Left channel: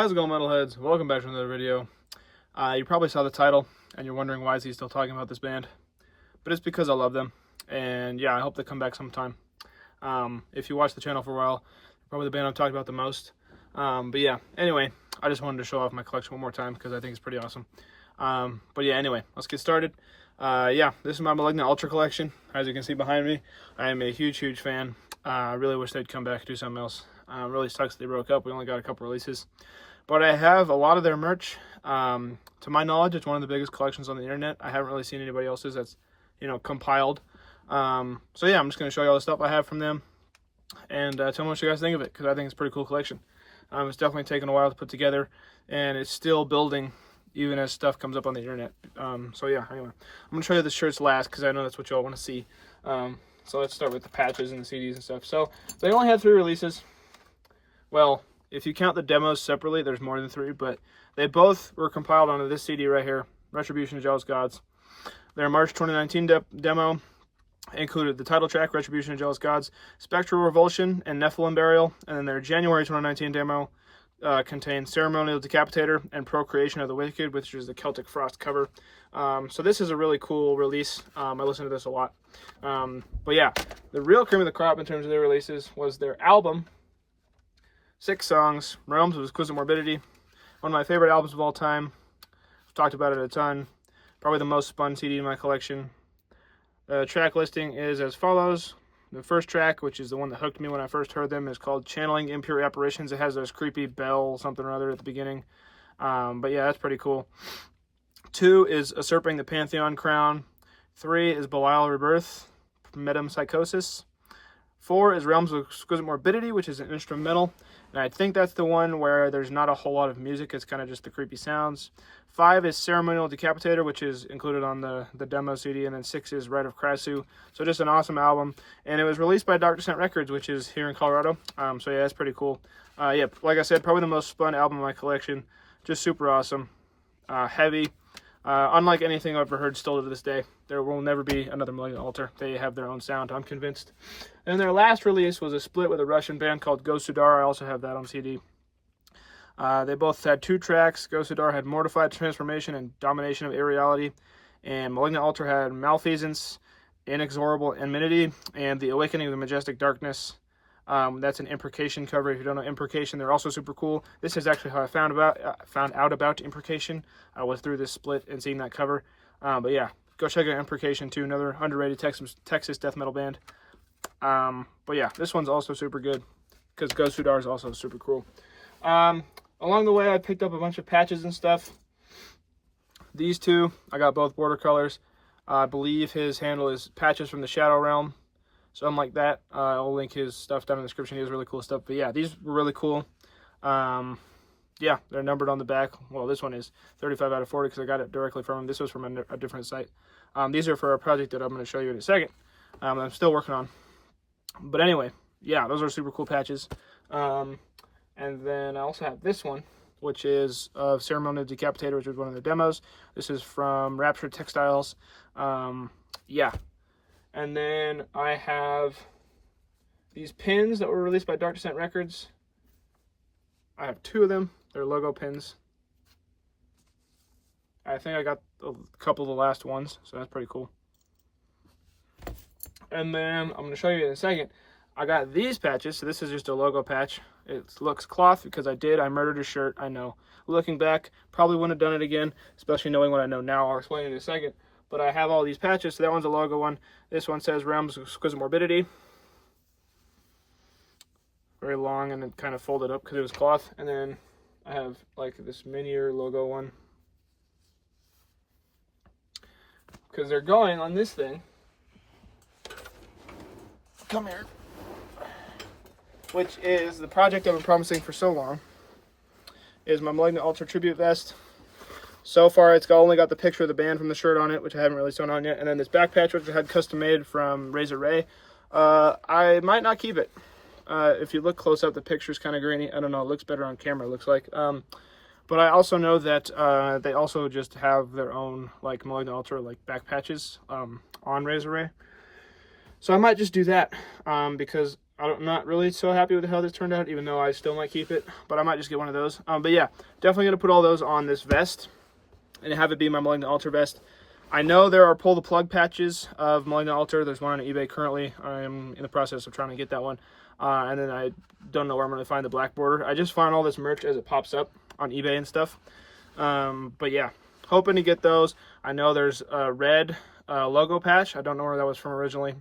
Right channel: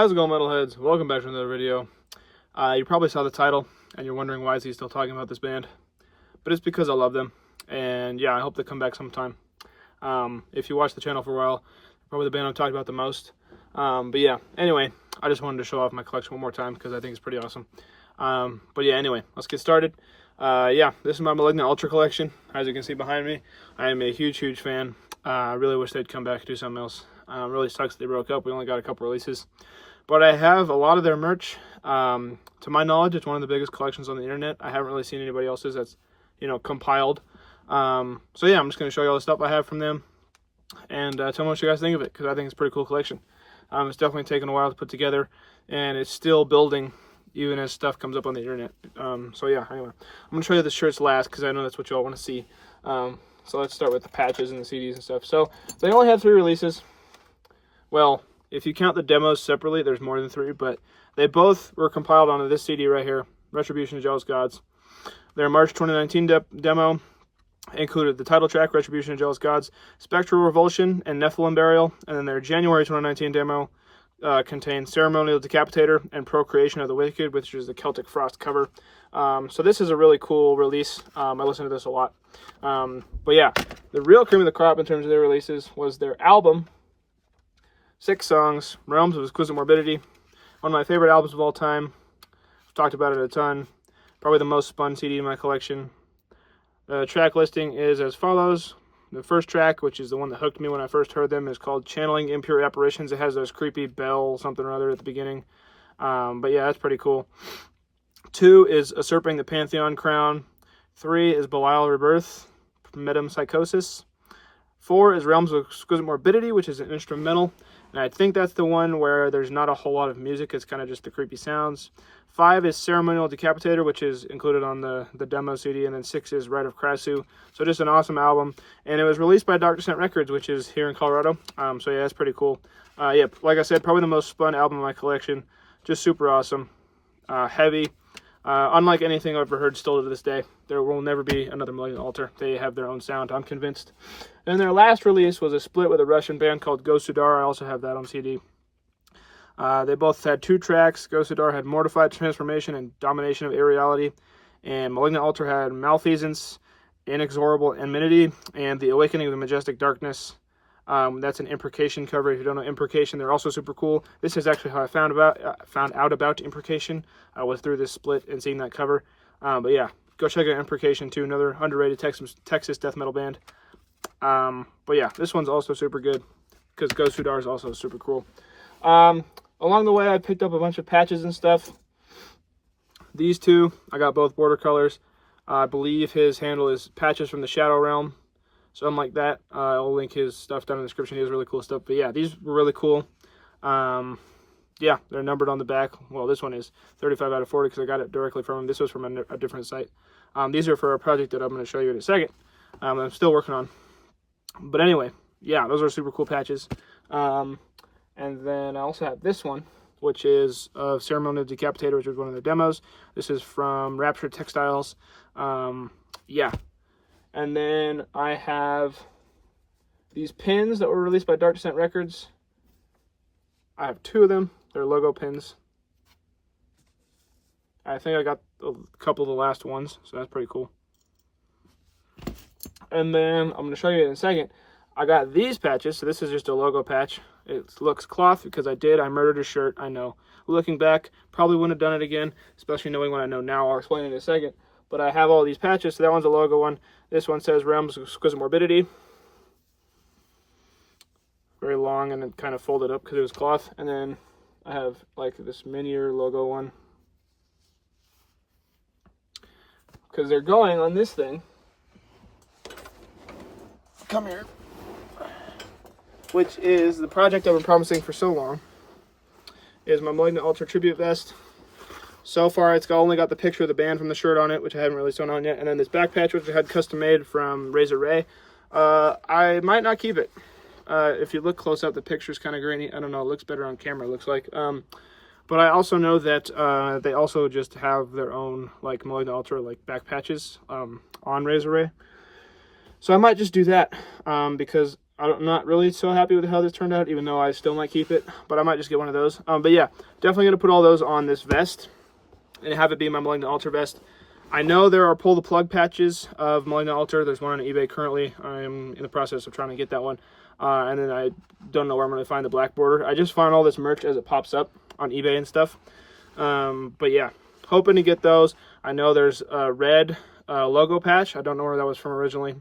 How's it going, metalheads? Welcome back to another video. You probably saw the title and you're wondering why is he still talking about this band, but it's because I love them, and yeah, I hope they come back sometime. If you watch the channel for a while, probably the band I've talked about the most. But yeah, anyway, I just wanted to show off my collection one more time because I think it's pretty awesome. But yeah, anyway, let's get started. Yeah, this is my Malignant Ultra collection. As you can see behind me, I am a huge fan. I really wish they'd come back and do something else. Really sucks they broke up. We only got a couple releases, but I have a lot of their merch. To my knowledge, it's one of the biggest collections on the internet. I haven't really seen anybody else's that's, compiled. So yeah, I'm just going to show you all the stuff I have from them and tell me what you guys think of it, because I think it's a pretty cool collection. It's definitely taken a while to put together, and it's still building even as stuff comes up on the internet. So yeah, anyway, I'm going to show you the shirts last because I know that's what y'all want to see. So let's start with the patches and the CDs and stuff. So they only had 3 releases. Well, if you count the demos separately, there's more than 3, but they both were compiled onto this CD right here, Retribution of Jealous Gods. Their March 2019 demo included the title track, Retribution of Jealous Gods, Spectral Revulsion, and Nephilim Burial. And then their January 2019 demo contained Ceremonial Decapitator and Procreation of the Wicked, which is the Celtic Frost cover. So this is a really cool release. I listen to this a lot. But yeah, the real cream of the crop in terms of their releases was their album, 6 songs, Realms of Exquisite Morbidity. One of my favorite albums of all time. I've talked about it a ton. Probably the most spun CD in my collection. The track listing is as follows. The first track, which is the one that hooked me when I first heard them, is called Channeling Impure Apparitions. It has those creepy bell something or other at the beginning. But yeah, that's pretty cool. 2 is Usurping the Pantheon Crown. 3 is Belial Rebirth, Metempsychosis. 4 is Realms of Exquisite Morbidity, which is an instrumental. And I think that's the one where there's not a whole lot of music. It's kind of just the creepy sounds. 5 is Ceremonial Decapitator, which is included on the demo CD. And then 6 is Rite of Krasu. So just an awesome album. And it was released by Dark Descent Records, which is here in Colorado. So yeah, that's pretty cool. Yeah, like I said, probably the most spun album in my collection. Just super awesome. Heavy. Unlike anything I've ever heard still to this day. There will never be another Malignant Altar. They have their own sound, I'm convinced. And their last release was a split with a Russian band called Gosudar. I also have that on CD. They both had 2 tracks. Gosudar had Mortified Transformation and Domination of Irreality. And Malignant Altar had Malfeasance, Inexorable Enmity, and The Awakening of the Majestic Darkness. That's an Imprecation cover. If you don't know Imprecation, they're also super cool. This is actually how I found out about Imprecation. Was through this split and seeing that cover. But yeah, go check out Imprecation too, another underrated Texas death metal band. But yeah, this one's also super good because Gosudar is also super cool. Along the way, I picked up a bunch of patches and stuff. These 2, I got both border colors. I believe his handle is Patches from the Shadow Realm. Something like that. I'll link his stuff down in the description. He has really cool stuff. But yeah, these were really cool. Yeah, they're numbered on the back. Well, this one is 35 out of 40 because I got it directly from him. This was from a different site. These are for a project that I'm going to show you in a second. I'm still working on. But anyway, yeah, those are super cool patches. And then I also have this one, which is of Ceremonial Decapitator, which was one of the demos. This is from Rapture Textiles. Yeah. And then I have these pins that were released by Dark Descent Records. I have 2 of them. They're logo pins. I think I got a couple of the last ones, so that's pretty cool. And then I'm going to show you in a second. I got these patches. So this is just a logo patch. It looks cloth because I murdered a shirt, I know. Looking back, probably wouldn't have done it again, especially knowing what I know now. I'll explain in a second. But I have all these patches. So that one's a logo one. This one says Realms of Exquisite Morbidity. Very long and then kind of folded up because it was cloth. And then I have like this minier logo one. Because they're going on this thing. Come here. Which is the project I've been promising for so long. Is my Malignant Ultra Tribute Vest. So far, it's only got the picture of the band from the shirt on it, which I haven't really sewn on yet. And then this back patch, which I had custom made from Razor Ray. I might not keep it. If you look close up, the picture's kind of grainy. I don't know, it looks better on camera, it looks like. But I also know that they also just have their own like Malignant Ultra like back patches on Razor Ray. So I might just do that because I'm not really so happy with how this turned out, even though I still might keep it, but I might just get one of those. But yeah, definitely going to put all those on this vest and have it be my Malignant Altar vest. I know there are pull the plug patches of Malignant Altar. There's one on eBay currently. I'm in the process of trying to get that one. And then I don't know where I'm going to find the black border. I just find all this merch as it pops up on eBay and stuff. But yeah, hoping to get those. I know there's a red logo patch. I don't know where that was from originally.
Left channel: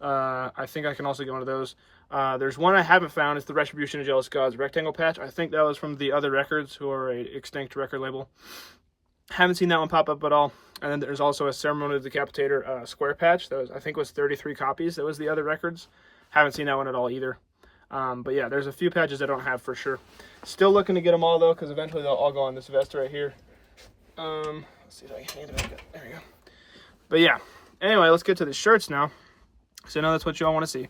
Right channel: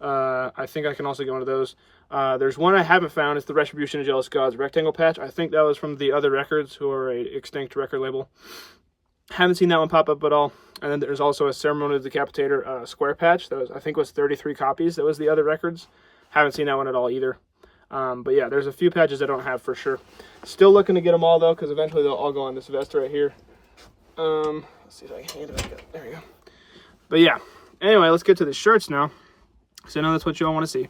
I think I can also get one of those. There's one I haven't found. It's the Retribution of Jealous Gods rectangle patch. I think that was from the Other Records, who are a extinct record label. Haven't seen that one pop up at all. And then there's also a Ceremonial Decapitator square patch that was, I think, was 33 copies. That was the Other Records. Haven't seen that one at all either. But yeah, there's a few patches I don't have for sure. Still looking to get them all though, because eventually they'll all go on this vest right here. Let's see if I can get it back up. There we go. But yeah, anyway, let's get to the shirts now, because I know that's what y'all want to see.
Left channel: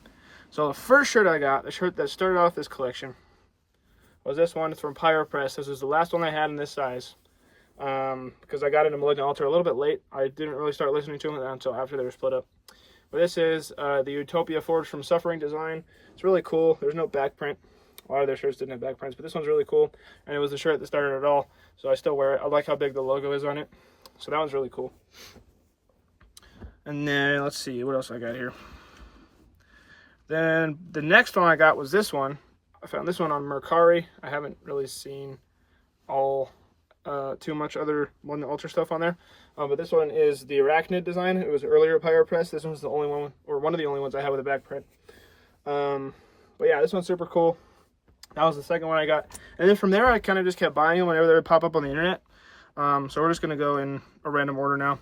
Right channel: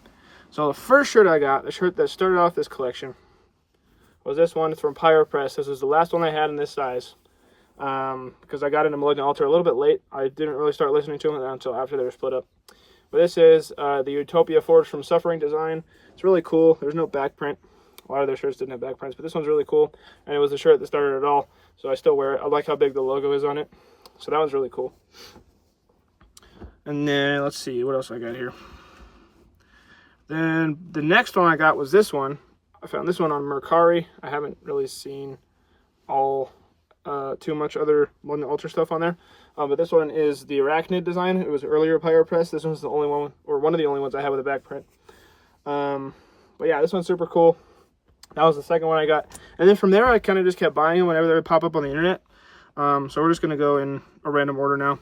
So the first shirt I got, the shirt that started off this collection, was this one. It's from Pyro Press. This is the last one I had in this size. Because I got into Malignant Altar a little bit late. I didn't really start listening to them until after they were split up. But this is the Utopia Forged from Suffering design. It's really cool. There's no back print. A lot of their shirts didn't have back prints, but this one's really cool. And it was the shirt that started it all, so I still wear it. I like how big the logo is on it. So that one's really cool. And then, let's see, what else I got here. Then the next one I got was this one. I found this one on Mercari. I haven't really seen all too much other Malignant Altar stuff on there. But this one is the Arachnid design. It was earlier Pyro Press. This one's the only one, or one of the only ones I have with a back print. But yeah, this one's super cool. That was the second one I got. And then from there, I kind of just kept buying them whenever they would pop up on the internet. So we're just going to go in a random order now.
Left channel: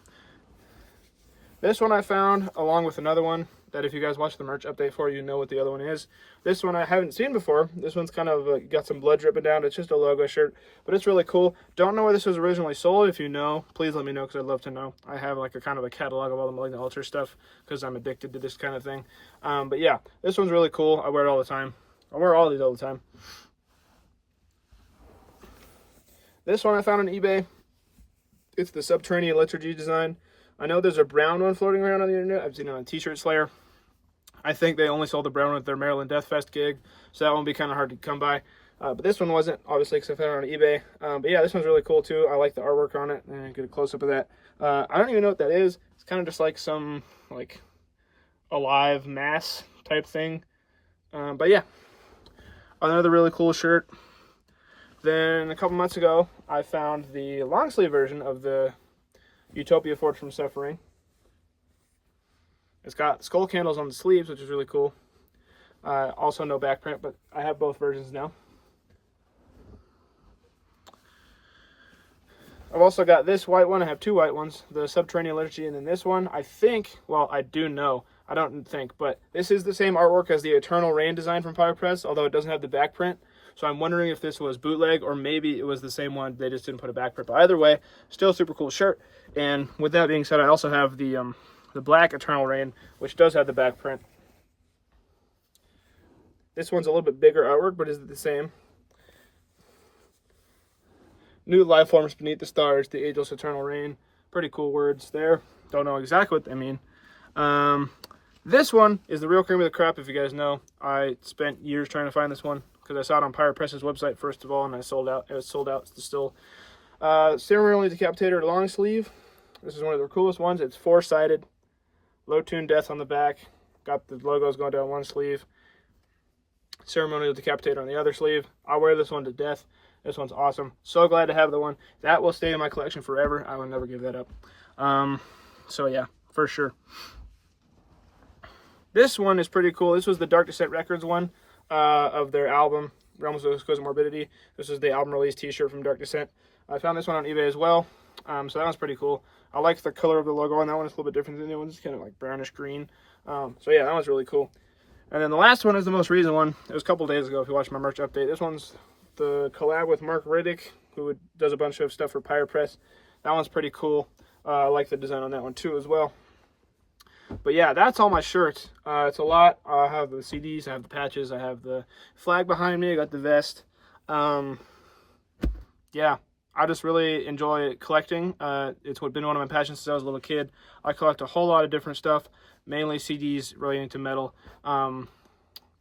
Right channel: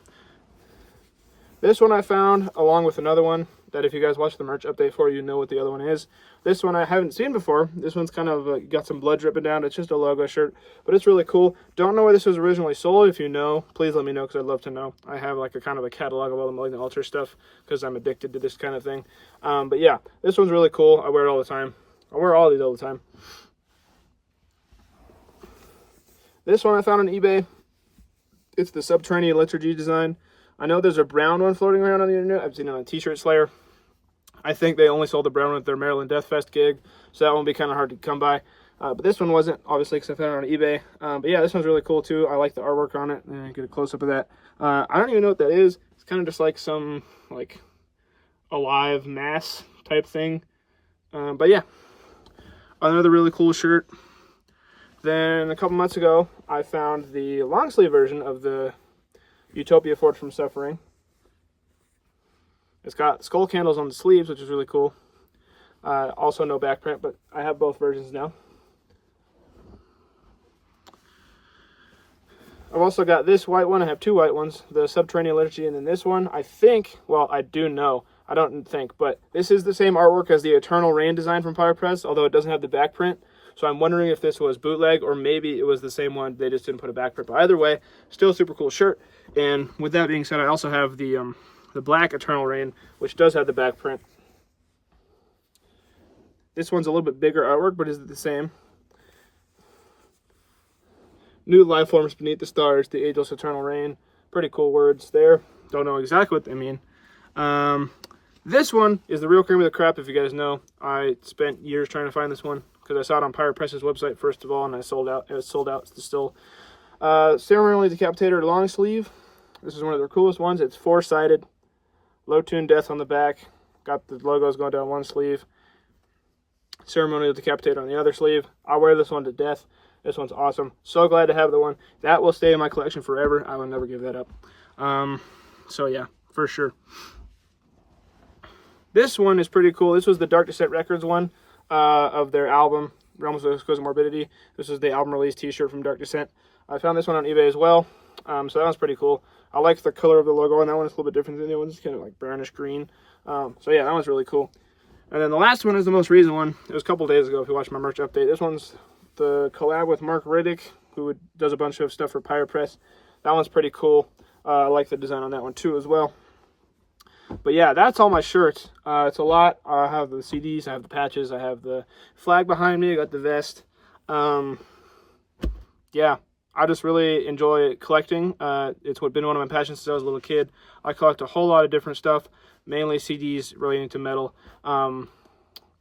This one I found along with another one that if you guys watch the merch update for, you know what the other one is. This one I haven't seen before. This one's kind of got some blood dripping down. It's just a logo shirt, but it's really cool. Don't know where this was originally sold. If you know, please let me know, because I'd love to know. I have like a kind of a catalog of all the Malignant Altar stuff because I'm addicted to this kind of thing. But yeah, this one's really cool. I wear it all the time. I wear all these all the time. This one I found on eBay. It's the Subterranean Liturgy design. I know there's a brown one floating around on the internet. I've seen it on T-Shirt Slayer. I think they only sold the brown one at their Maryland Death Fest gig, so that one will be kind of hard to come by. But this one wasn't, obviously, because I found it on eBay. But yeah, this one's really cool too. I like the artwork on it. Get a close-up of that. I don't even know what that is. It's kind of just like some like alive mass type thing. But yeah, another really cool shirt. Then a couple months ago, I found the long sleeve version of the Utopia Forged from Suffering. It's got skull candles on the sleeves, which is really cool. Also no back print, but I have both versions now. I've also got this white one. I have two white ones, the Subterranean Liturgy, and then this one. I think, well, I do know. I don't think, but this is the same artwork as the Eternal Rain design from Pyro Press, although it doesn't have the back print. So I'm wondering if this was bootleg or maybe it was the same one. They just didn't put a back print. But either way, still a super cool shirt. And with that being said, I also have the black Eternal Rain, which does have the back print. This one's a little bit bigger artwork, but is it the same? New life forms beneath the stars, the ageless eternal rain. Pretty cool words there. Don't know exactly what they mean. This one is the real cream of the crop, if you guys know. I spent years trying to find this one because I saw it on Pyro Press's website first of all, and I sold out. It was sold out still. Ceremonial Decapitator long sleeve. This is one of their coolest ones. It's four-sided. Low tune death on the back. Got the logos going down one sleeve. Ceremonial Decapitator on the other sleeve. I wear this one to death. This one's awesome. So glad to have the one. That will stay in my collection forever. I will never give that up. So yeah, for sure. This one is pretty cool. This was the Dark Descent Records one of their album, Realms of Exquisite Morbidity. This is the album release t-shirt from Dark Descent. I found this one on eBay as well. So that one's pretty cool. I like the color of the logo on that one. It's a little bit different than the other one. It's kind of like brownish green. So yeah, that one's really cool. And then the last one is the most recent one. It was a couple days ago if you watched my merch update. This one's the collab with Mark Riddick, who does a bunch of stuff for Pyro Press. That one's pretty cool. I like the design on that one too as well. But yeah, that's all my shirts. It's a lot. I have the CDs, I have the patches, I have the flag behind me, I got the vest. Yeah, I just really enjoy collecting. It's been one of my passions since I was a little kid. I collect a whole lot of different stuff, mainly CDs relating to metal.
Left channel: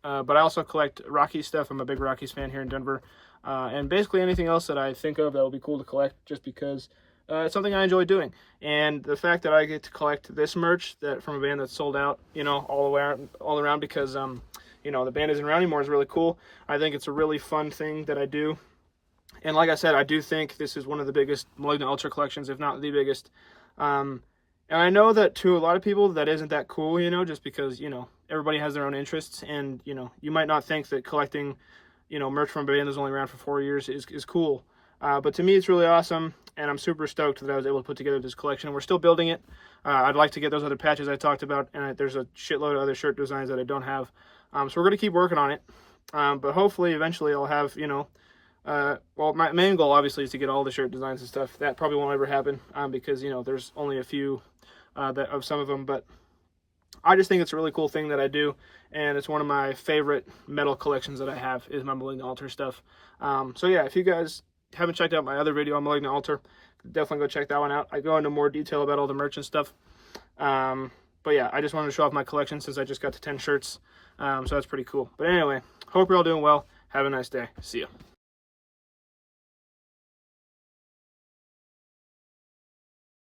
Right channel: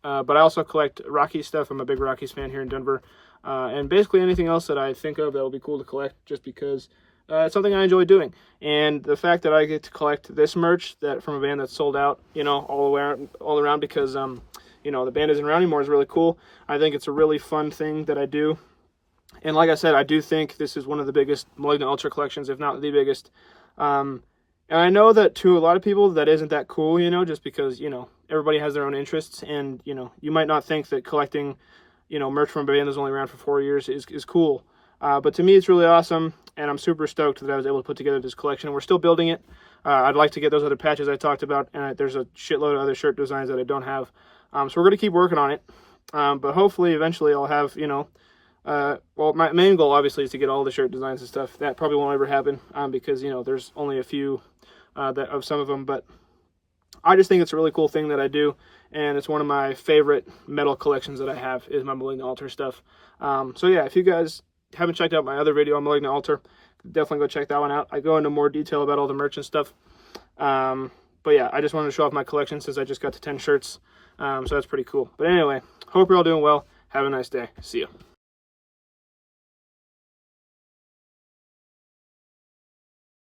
But I also collect Rockies stuff. I'm a big Rockies fan here in Denver. And basically anything else that I think of that would be cool to collect, just because it's something I enjoy doing. And the fact that I get to collect this merch that from a band that's sold out, you know, all around because, you know, the band isn't around anymore is really cool. I think it's a really fun thing that I do. And like I said, I do think this is one of the biggest Malignant Ultra collections, if not the biggest. And I know that to a lot of people that isn't that cool, you know, just because, you know, everybody has their own interests. And, you know, you might not think that collecting, you know, merch from a band that's only around for 4 years is cool. But to me, it's really awesome. And I'm super stoked that I was able to put together this collection. We're still building it. I'd like to get those other patches I talked about. And there's a shitload of other shirt designs that I don't have. So we're going to keep working on it. But hopefully, eventually, I'll have, you know, well, my main goal, obviously, is to get all the shirt designs and stuff. That probably won't ever happen because, you know, there's only a few of some of them. But I just think it's a really cool thing that I do. And it's one of my favorite metal collections that I have is my Malignant Altar stuff. So, yeah, if you guys haven't checked out my other video on Malignant Altar, definitely go check that one out. I go into more detail about all the merch and stuff. But, yeah, I just wanted to show off my collection since I just got to 10 shirts. So that's pretty cool. But anyway, hope you're all doing well. Have a nice day. See ya.